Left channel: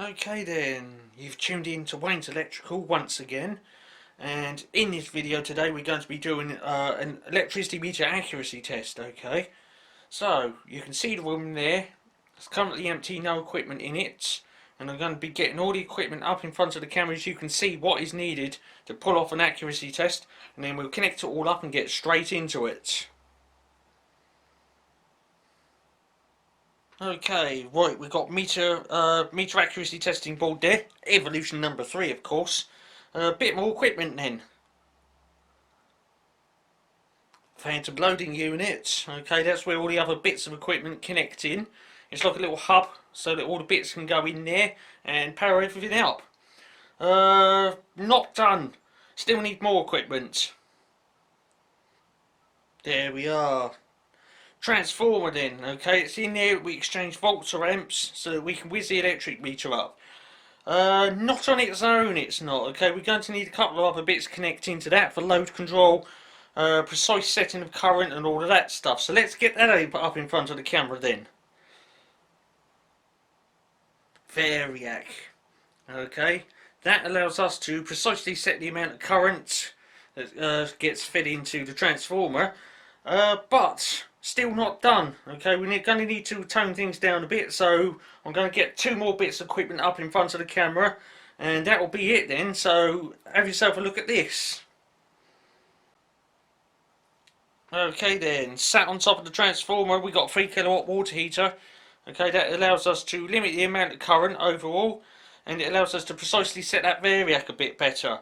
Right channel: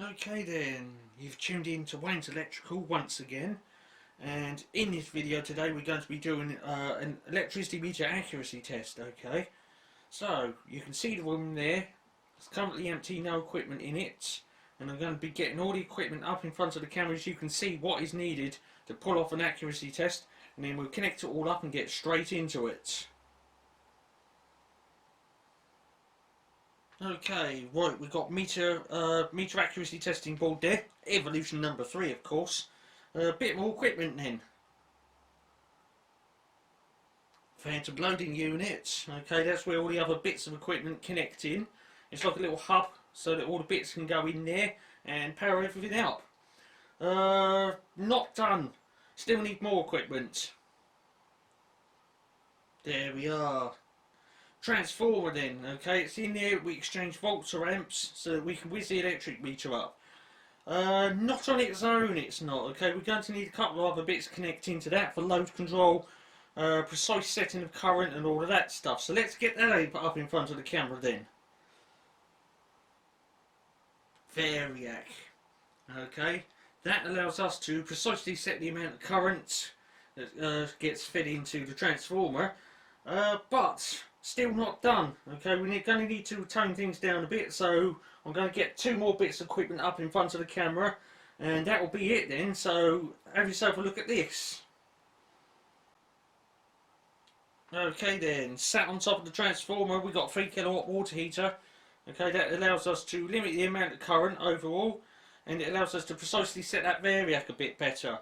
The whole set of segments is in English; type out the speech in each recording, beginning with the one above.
Okay then, you've tuned in to Wayne's Electrical once again, and in this video today we're going to be doing an electricity meter accuracy test. Okay, so you can see the room there, it's currently empty, no equipment in it, and I'm going to be getting all the equipment up in front of the camera so you can see what is needed to pull off an accuracy test, and then we'll connect it all up and get straight into it. Okay, right, we've got meter accuracy testing board there, evolution number 3 of course. A bit more equipment then. Phantom loading unit, okay, that's where all the other bits of equipment connect in. It's like a little hub so that all the bits can go in there and power everything up. Not done, still need more equipment. There we are. Transformer then, okay, it's in there, we exchange volts or amps so that we can whiz the electric meter up. Not on its own it's not, okay, we're going to need a couple of other bits connecting to that for load control, precise setting of current and all of that stuff. So let's get that up in front of the camera then. Variac, okay, that allows us to precisely set the amount of current that gets fed into the transformer, but still not done. Okay, we're going to need to tone things down a bit, so I'm going to get 2 more bits of equipment up in front of the camera, and that will be it then. So have yourself a look at this. Okay then, sat on top of the transformer we got a 3 kilowatt water heater. Okay, that allows us to limit the amount of current overall, and it allows us to precisely set that variac a bit better.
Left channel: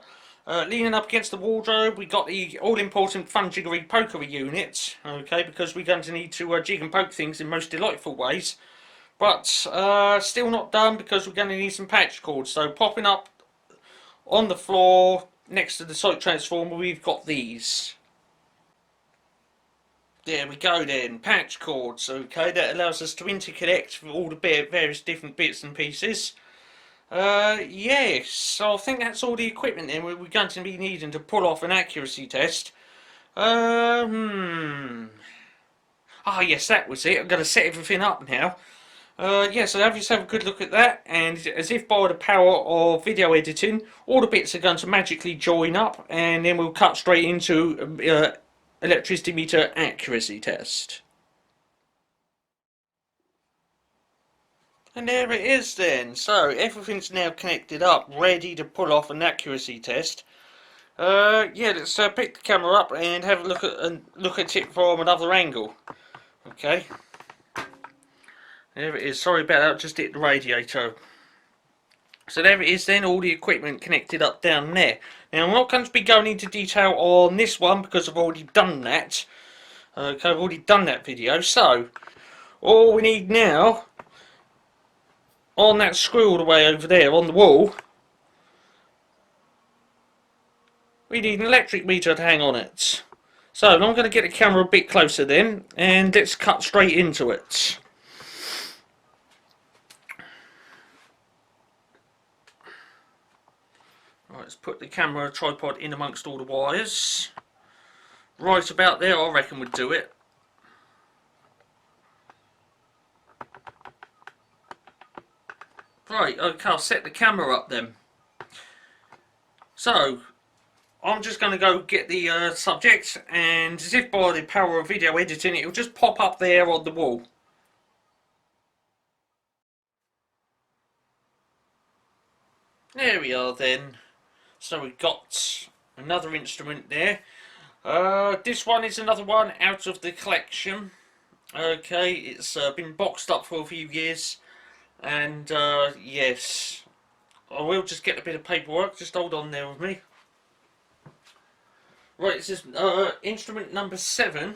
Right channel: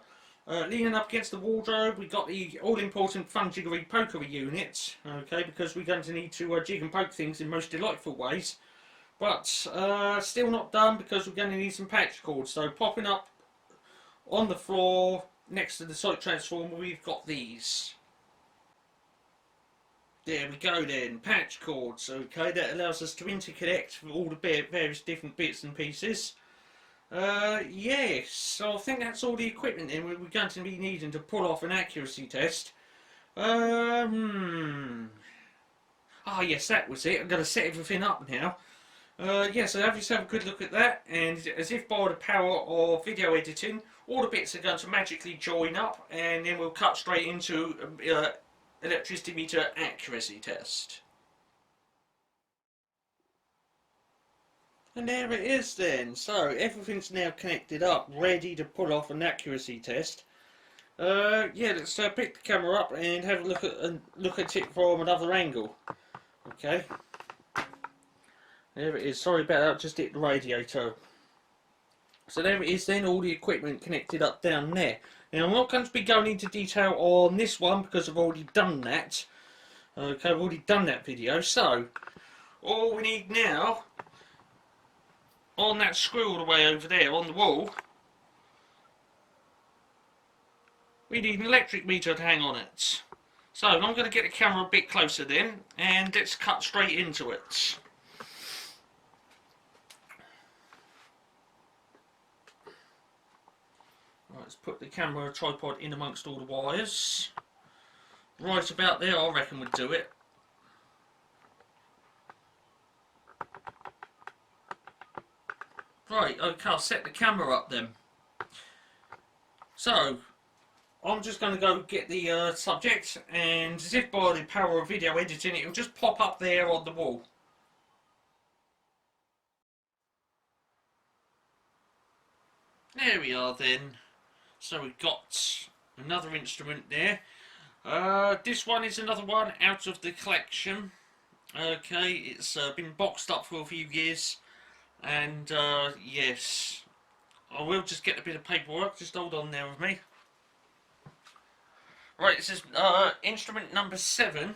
Leaning up against the wardrobe, we got the all-important Fun-Jiggery-Pokery unit, okay, because we're going to need to jig and poke things in most delightful ways. But still not done because we're going to need some patch cords. So popping up on the floor next to the site transformer, we've got these. There we go then, patch cords, okay, that allows us to interconnect all the various different bits and pieces. Yes, so I think that's all the equipment then we're going to be needing to pull off an accuracy test. Ah yes, that was it. I'm going to set everything up now. Yeah, so have yourself a good look at that, and as if by the power of video editing, all the bits are going to magically join up, and then we'll cut straight into electricity meter accuracy test. And there it is then. So everything's now connected up, ready to pull off an accuracy test. Yeah, let's pick the camera up and have a look at it from another angle. Okay. There it is. Sorry about that. Just hit the radiator. So there it is then. All the equipment connected up down there. Now I'm not going to be going into detail on this one because I've already done that. Okay, I've already done that video. So all we need now, on that screw all the way over there on the wall, we need an electric meter to hang on it. So I'm going to get the camera a bit closer then, and let's cut straight into it. Right, let's put the camera tripod in amongst all the wires. Right about there I reckon would do it. Right, okay, I'll set the camera up then. So, I'm just going to go get the subject, and as if by the power of video editing, it'll just pop up there on the wall. There we are then. So we've got another instrument there. This one is another one out of the collection. Okay, it's been boxed up for a few years. And yes, I will just get a bit of paperwork. Just hold on there with me. Right, this is instrument number 7.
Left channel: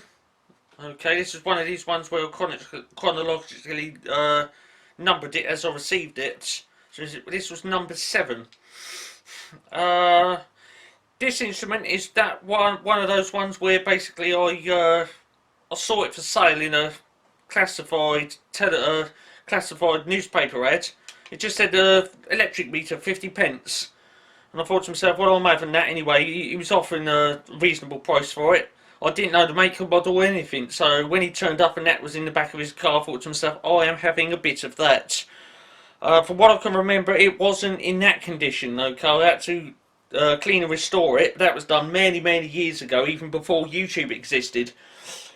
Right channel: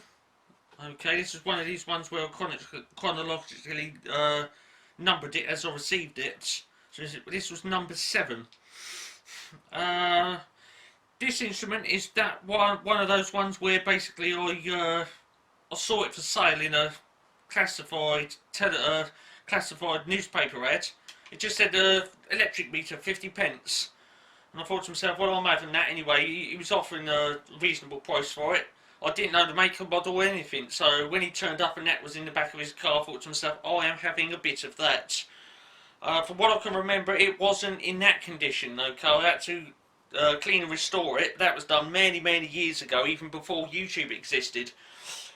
Okay, this is one of these ones where I chronologically numbered it as I received it. So this was number 7. This instrument is that one of those ones where basically I saw it for sale in a classified classified newspaper ad. It just said electric meter 50p. And I thought to myself, well, I'm having that anyway. He was offering a reasonable price for it. I didn't know the make and model or anything, so when he turned up and that was in the back of his car, I thought to myself, I am having a bit of that. From what I can remember, it wasn't in that condition, okay? I had to clean and restore it. That was done many, many years ago, even before YouTube existed.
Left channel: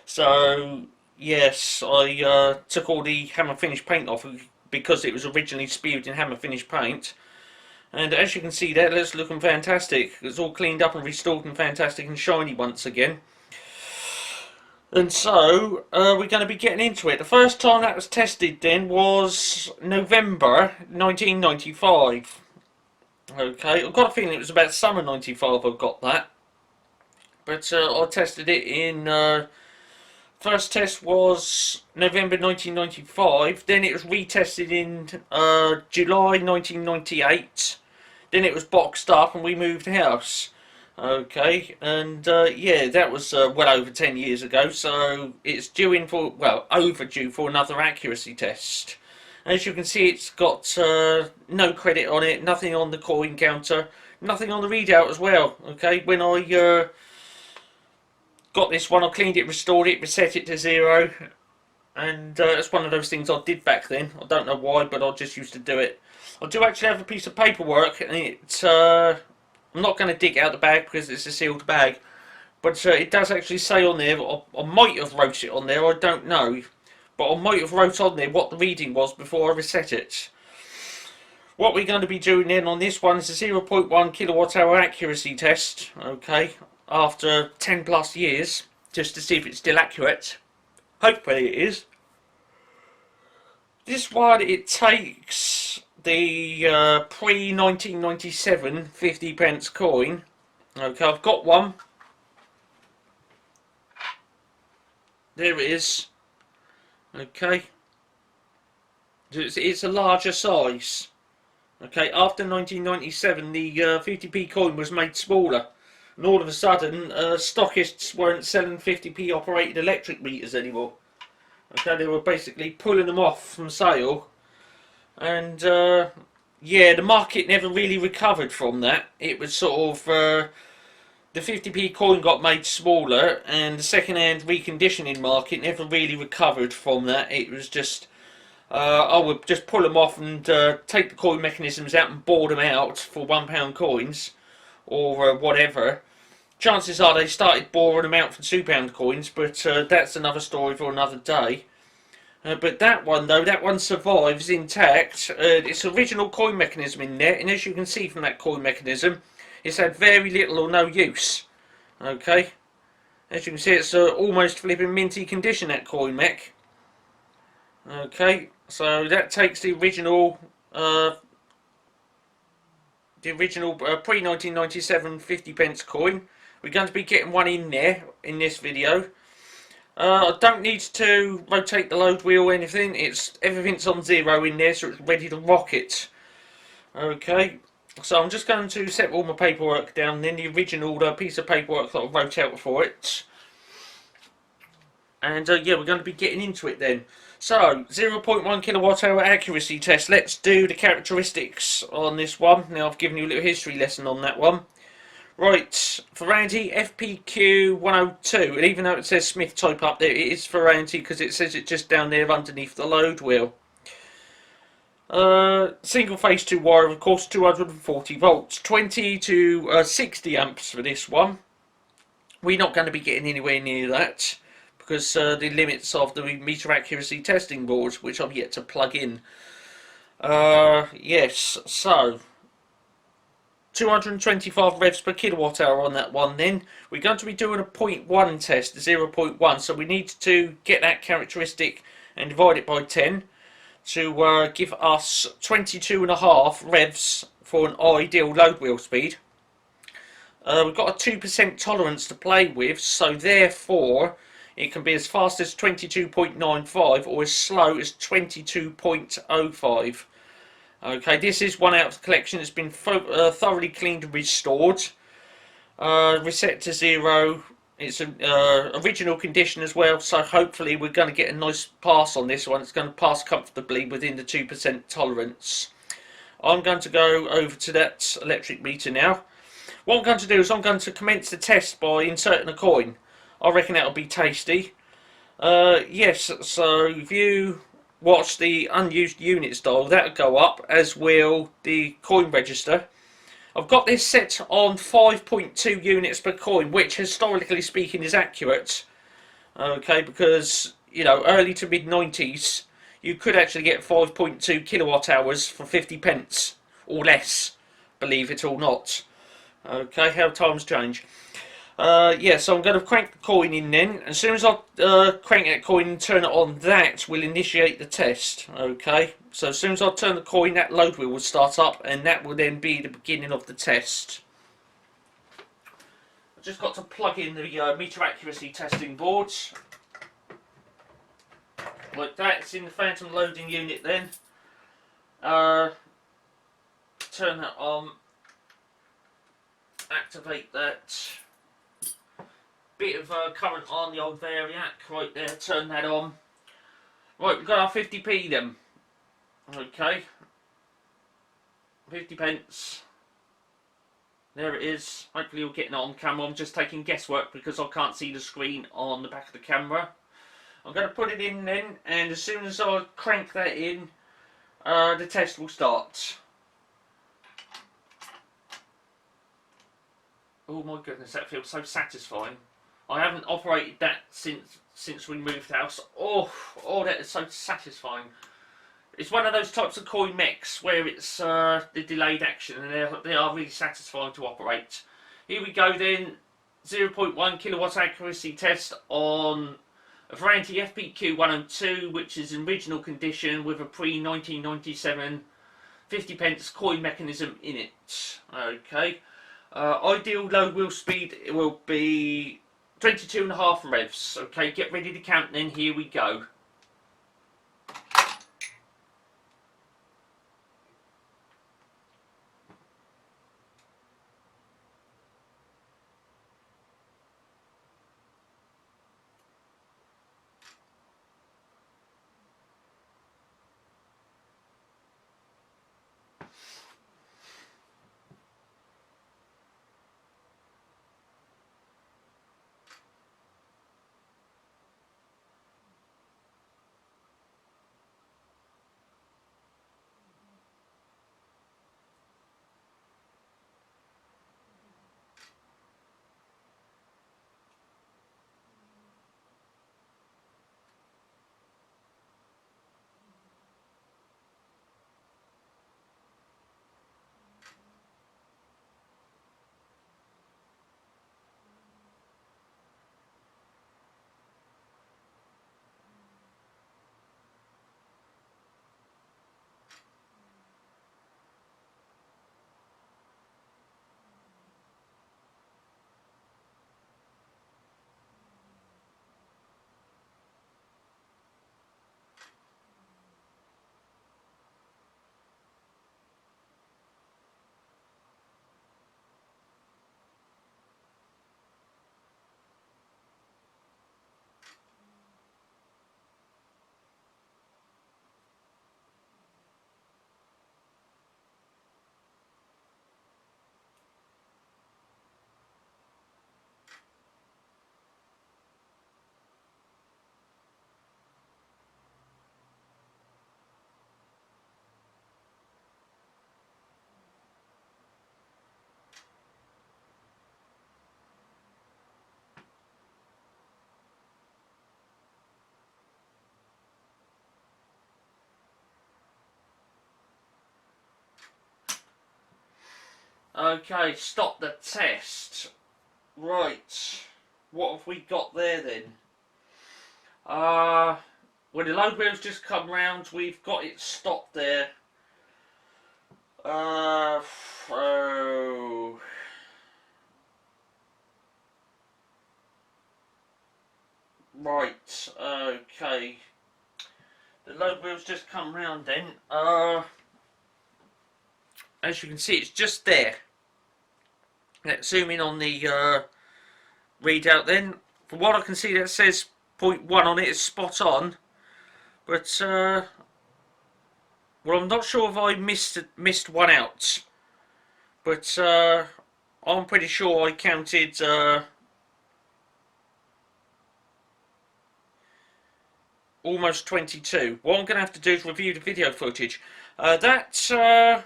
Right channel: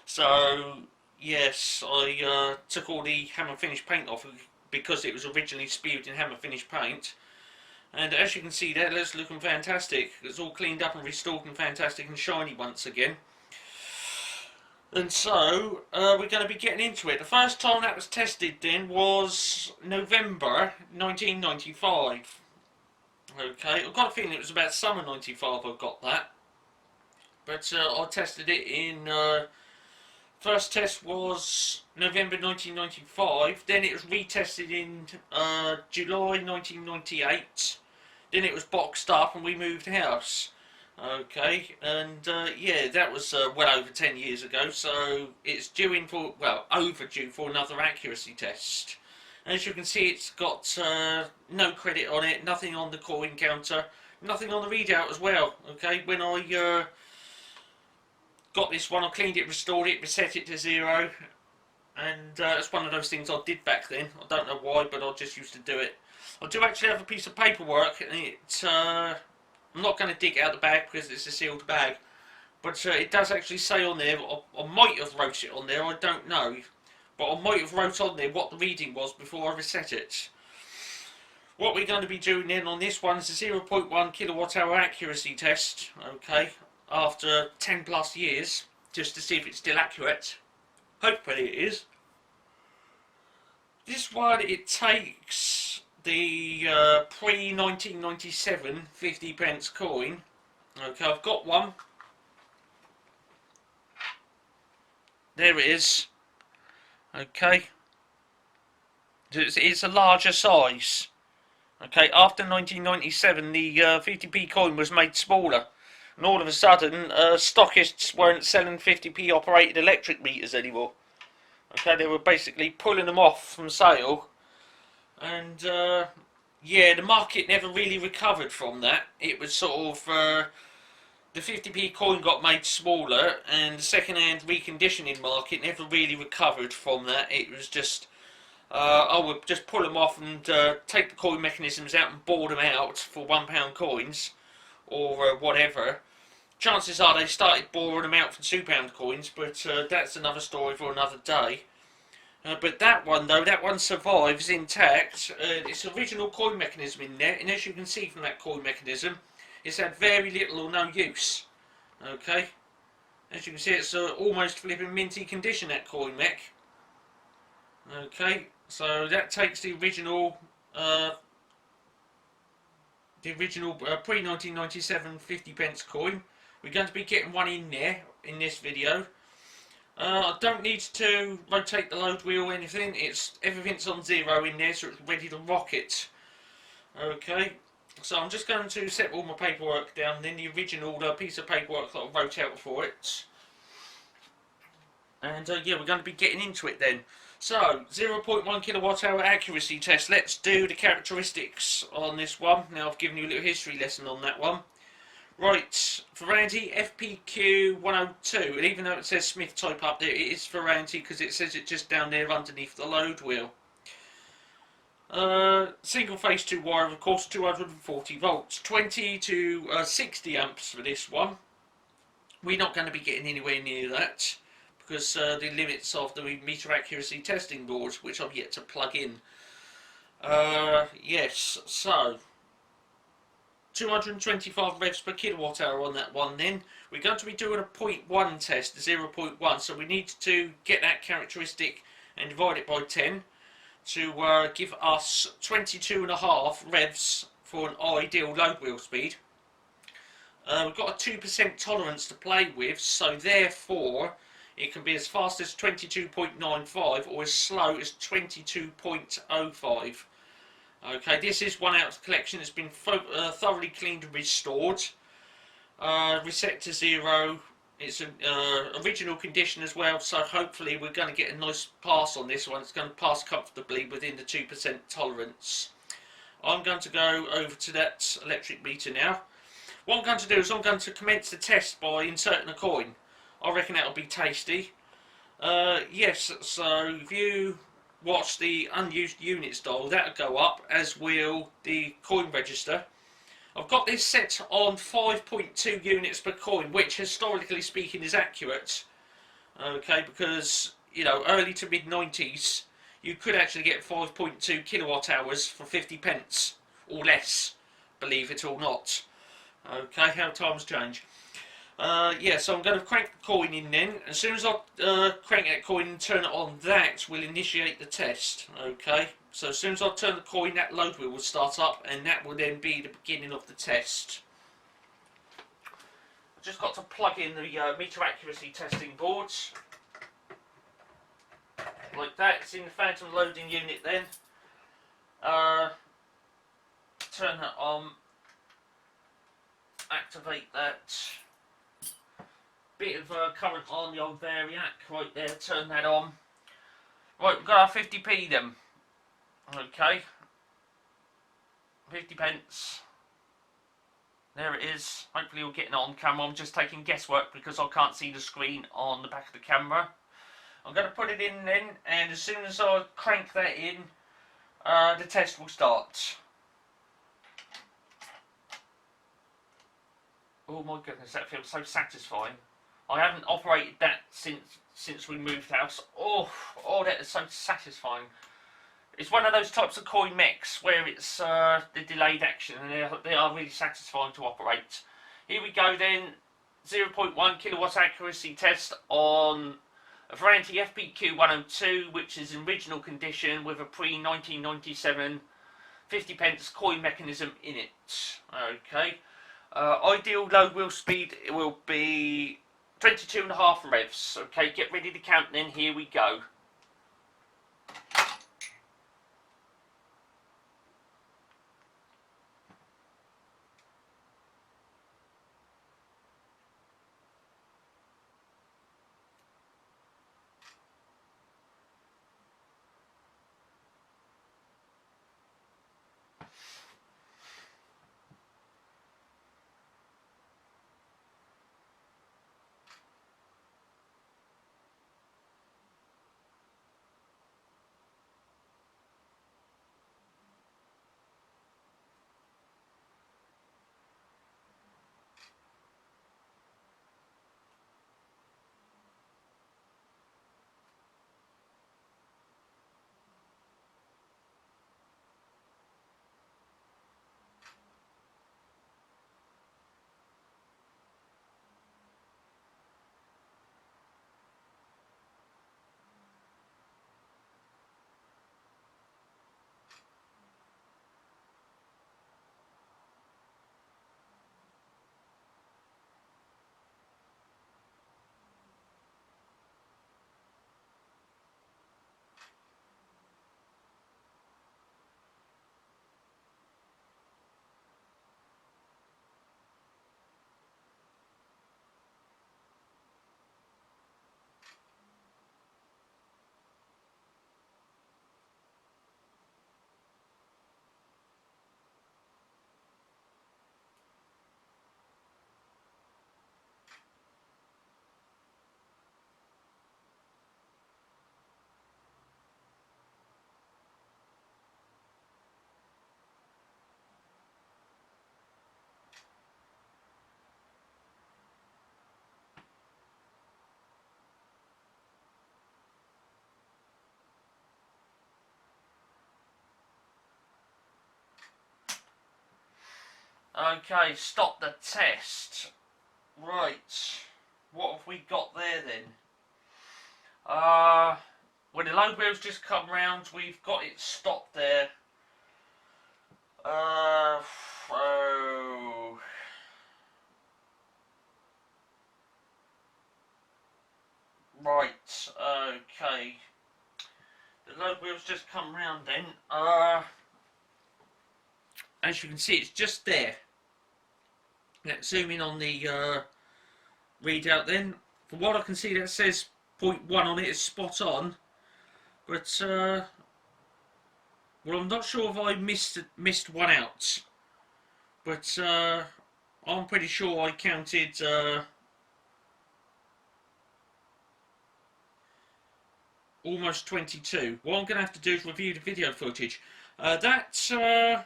So, yes, I took all the hammer finish paint off because it was originally spewed in hammer finish paint. And as you can see there, it's looking fantastic. It's all cleaned up and restored and fantastic and shiny once again. And so, we're going to be getting into it. The first time that was tested then was November 1995. Okay, I've got a feeling it was about summer 95 I got that. But I tested it in... first test was November 1995. Then it was retested in July 1998. Then it was boxed up and we moved house. Okay, and yeah, that was well over 10 years ago, so it's due in for, well, overdue for another accuracy test. As you can see, it's got no credit on it, nothing on the coin counter, nothing on the readout as well. Okay, when I got this one, I cleaned it, restored it, reset it to 0, and it's one of those things I did back then. I don't know why, but I just used to do it. I do actually have a piece of paperwork, and it's I'm not going to dig out the bag because it's a sealed bag, but it does actually say on there, I might have wrote it on there, I don't know, but I might have wrote on there what the reading was before I reset it. What we're going to be doing then on this one is a 0.1 kilowatt hour accuracy test, okay, after 10 plus years, just to see if it's still accurate. Hopefully it is. This one, it takes the pre-1997 50p coin. Okay, I've got one. There it is. Okay. It's a larger size. Okay, after 1997 the 50p coin was made smaller. And all of a sudden, stockists weren't selling 50p operated electric meters anymore. Okay, they were basically pulling them off from sale. And, yeah, the market never really recovered from that. It was sort of, the 50p coin got made smaller, and the second-hand reconditioning market never really recovered from that. It was just, I would just pull them off and take the coin mechanisms out and bore them out for £1 coins, or whatever. Chances are they started boring them out for £2 coins, but that's another story for another day. But that one though, that one survives intact. It's original coin mechanism in there, and as you can see from that coin mechanism, it's had very little or no use. Okay, as you can see, it's almost flipping minty condition, that coin mech. Okay, so that takes the original pre-1997 50p coin. We're going to be getting one in there in this video. I don't need to rotate the load wheel or anything. Everything's on 0 in there, so it's ready to rock it. Okay, so I'm just going to set all my paperwork down, then the original piece of paperwork that I wrote out for it. And yeah, we're going to be getting into it then. So, 0.1 kilowatt hour accuracy test. Let's do the characteristics on this one. Now, I've given you a little history lesson on that one. Right, Ferranti FPQ-102, and even though it says Smith type up there, it is Ferranti because it says it just down there underneath the load wheel. Single phase 2 wire, of course, 240 volts, 20 to 60 amps for this one. We're not going to be getting anywhere near that because the limits of the meter accuracy testing board, which I've yet to plug in. Yes, so 225 revs per kilowatt hour on that one then. We're going to be doing a 0.1 test, 0.1, so we need to get that characteristic and divide it by 10 to give us 22.5 revs for an ideal load wheel speed. We've got a 2% tolerance to play with, so therefore it can be as fast as 22.95 or as slow as 22.05. Okay, this is one out of the collection. It's been thoroughly cleaned and restored. Reset to 0. It's an original condition as well, so hopefully we're going to get a nice pass on this one. It's going to pass comfortably within the 2% tolerance. I'm going to go over to that electric meter now. What I'm going to do is I'm going to commence the test by inserting a coin. I reckon that'll be tasty. Yes, so if you watch the unused units dial, that'll go up, as will the coin register. I've got this set on 5.2 units per coin, which historically speaking is accurate. Okay, because, you know, early to mid 90s, you could actually get 5.2 kilowatt hours for 50 pence or less, believe it or not. Okay, how times change. Yeah, so I'm going to crank the coin in then. As soon as I crank that coin and turn it on, that will initiate the test. Okay, so as soon as I turn the coin, that load wheel will start up, and that will then be the beginning of the test. I've just got to plug in the meter accuracy testing boards. Like that, it's in the phantom loading unit then. Turn that on. Activate that. Bit of current on the old variac right there, turn that on. Right, we've got our 50p then. Okay. 50 pence. There it is. Hopefully you're getting it on camera. I'm just taking guesswork because I can't see the screen on the back of the camera. I'm going to put it in then, and as soon as I crank that in, the test will start. Oh my goodness, that feels so satisfying. I haven't operated that since we moved house. Oh, that is so satisfying. It's one of those types of coin mechs where it's the delayed action, and they are really satisfying to operate. Here we go then, 0.1 kilowatt accuracy test on a Ferranti FPQ-102, which is in original condition with a pre-1997 50 pence coin mechanism in it. Okay. Ideal load wheel speed will be 22.5 revs. Okay, get ready to count then, here we go. Okay, stop the test. Right, what have we got there then? When the load wheel's just come round, we've got it stopped there. Oh. Right, okay. The load wheel's just come round then. As you can see, it's just there. Let's zoom in on the readout then. From what I can see, that says 0.1 on it is spot on. But, well, I'm not sure if I missed one out. But, I'm pretty sure I counted, almost 22. What I'm going to have to do is review the video footage. That's 1/10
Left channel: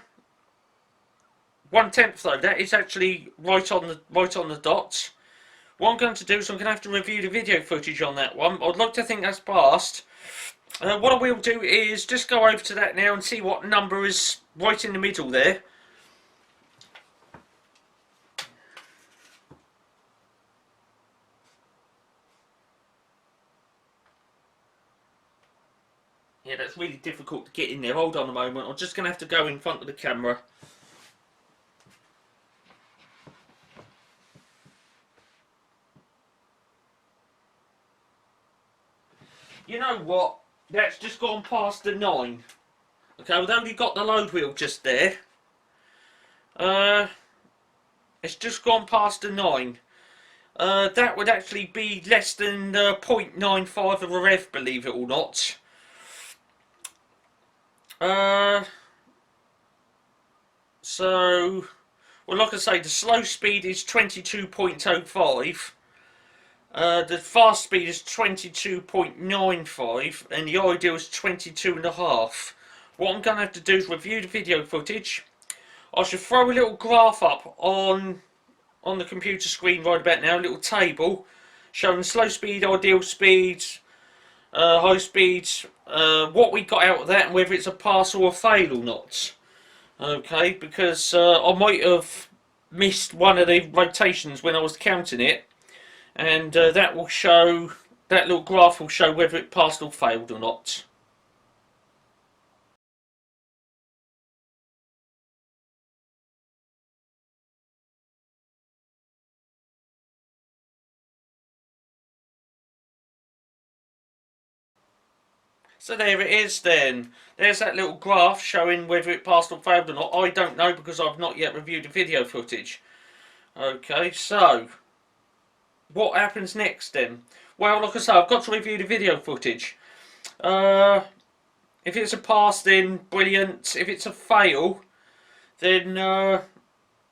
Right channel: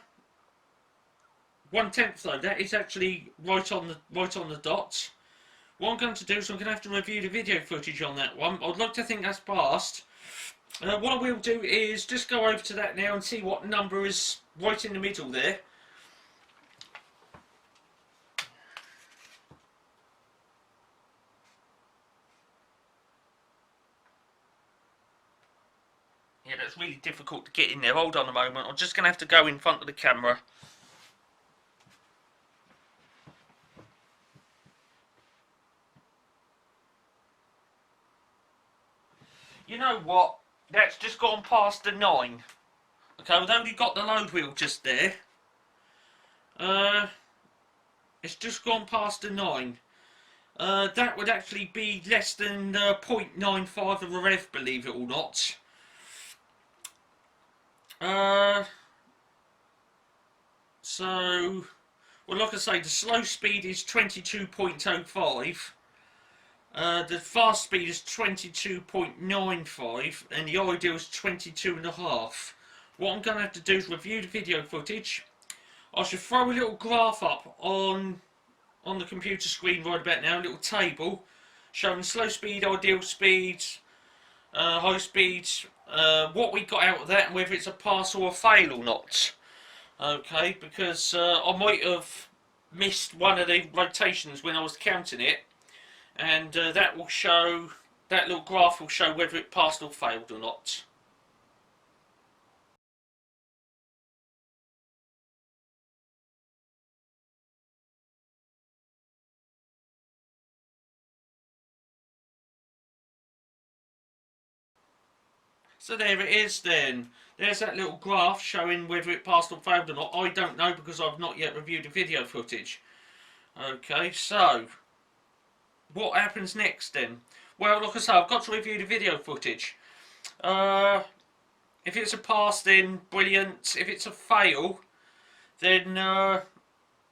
though. That is actually right on the dot. What I'm going to do is I'm going to have to review the video footage on that one. I'd like to think that's passed. What I will do is just go over to that now and see what number is right in the middle there. Yeah, that's really difficult to get in there. Hold on a moment. I'm just going to have to go in front of the camera. You know what? That's just gone past the 9. Okay, we've only got the load wheel just there. It's just gone past the 9. That would actually be less than 0.95 of a rev, believe it or not. So, well, like I say, the slow speed is 22.05. The fast speed is 22.95 and the ideal is 22.5. What I'm going to have to do is review the video footage. I should throw a little graph up on the computer screen right about now, a little table showing slow speed, ideal speed, high speed, what we got out of that and whether it's a pass or a fail or not. Okay, because I might have missed one of the rotations when I was counting it. And that will show, that little graph will show whether it passed or failed or not. So there it is then. There's that little graph showing whether it passed or failed or not. I don't know because I've not yet reviewed the video footage. Okay, so what happens next then? Well, like I say, I've got to review the video footage. If it's a pass, then brilliant. If it's a fail, then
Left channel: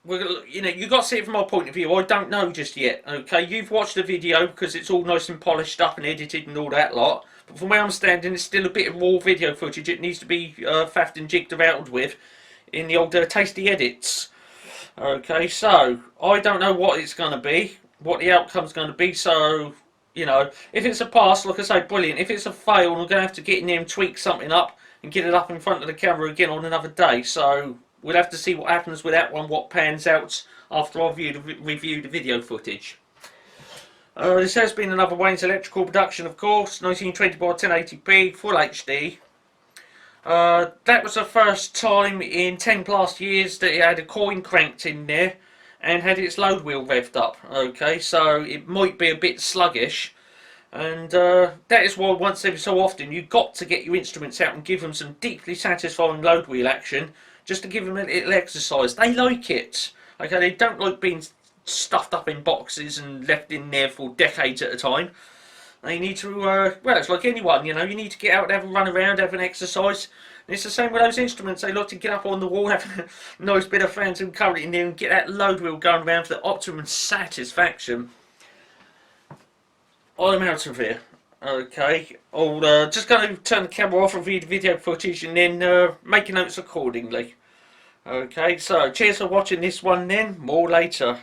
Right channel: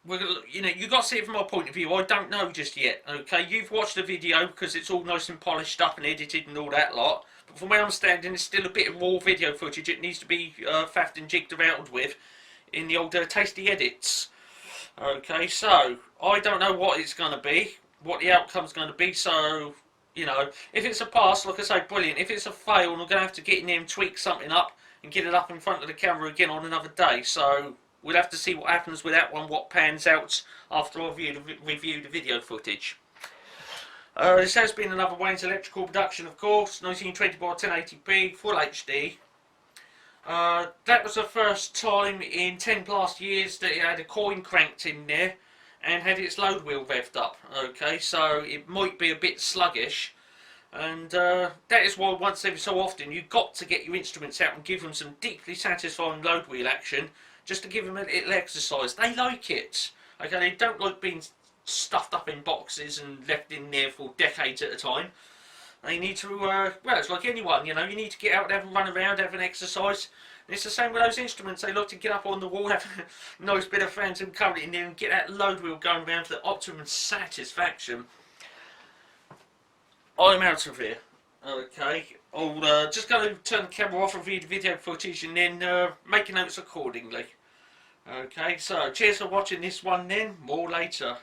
you've got to see it from my point of view. I don't know just yet. Okay, you've watched the video because it's all nice and polished up and edited and all that lot. But from where I'm standing, it's still a bit of raw video footage. It needs to be faffed and jigged around with in the old tasty edits. Okay, so I don't know what it's going to be, what the outcome's going to be. So, you know, if it's a pass, like I say, brilliant. If it's a fail, I'm going to have to get in there and tweak something up and get it up in front of the camera again on another day. So we'll have to see what happens with that one, what pans out after I've reviewed the video footage. This has been another Wayne's Electrical production, of course, 1920 by 1080p, full HD. That was the first time in 10 plus years that it had a coin cranked in there and had its load wheel revved up. Okay, so it might be a bit sluggish, and that is why once every so often you've got to get your instruments out and give them some deeply satisfying load wheel action just to give them a little exercise. They like it. Okay, they don't like being stuffed up in boxes and left in there for decades at a time. They need to, well, it's like anyone, you know, you need to get out and have a run around, have an exercise. And it's the same with those instruments. They like to get up on the wall, have a nice bit of phantom current in there and get that load wheel going around for the optimum satisfaction. I'm out of here. Okay, I'll just going to turn the camera off, review the video footage and then make notes accordingly. Okay, so cheers for watching this one then, more later.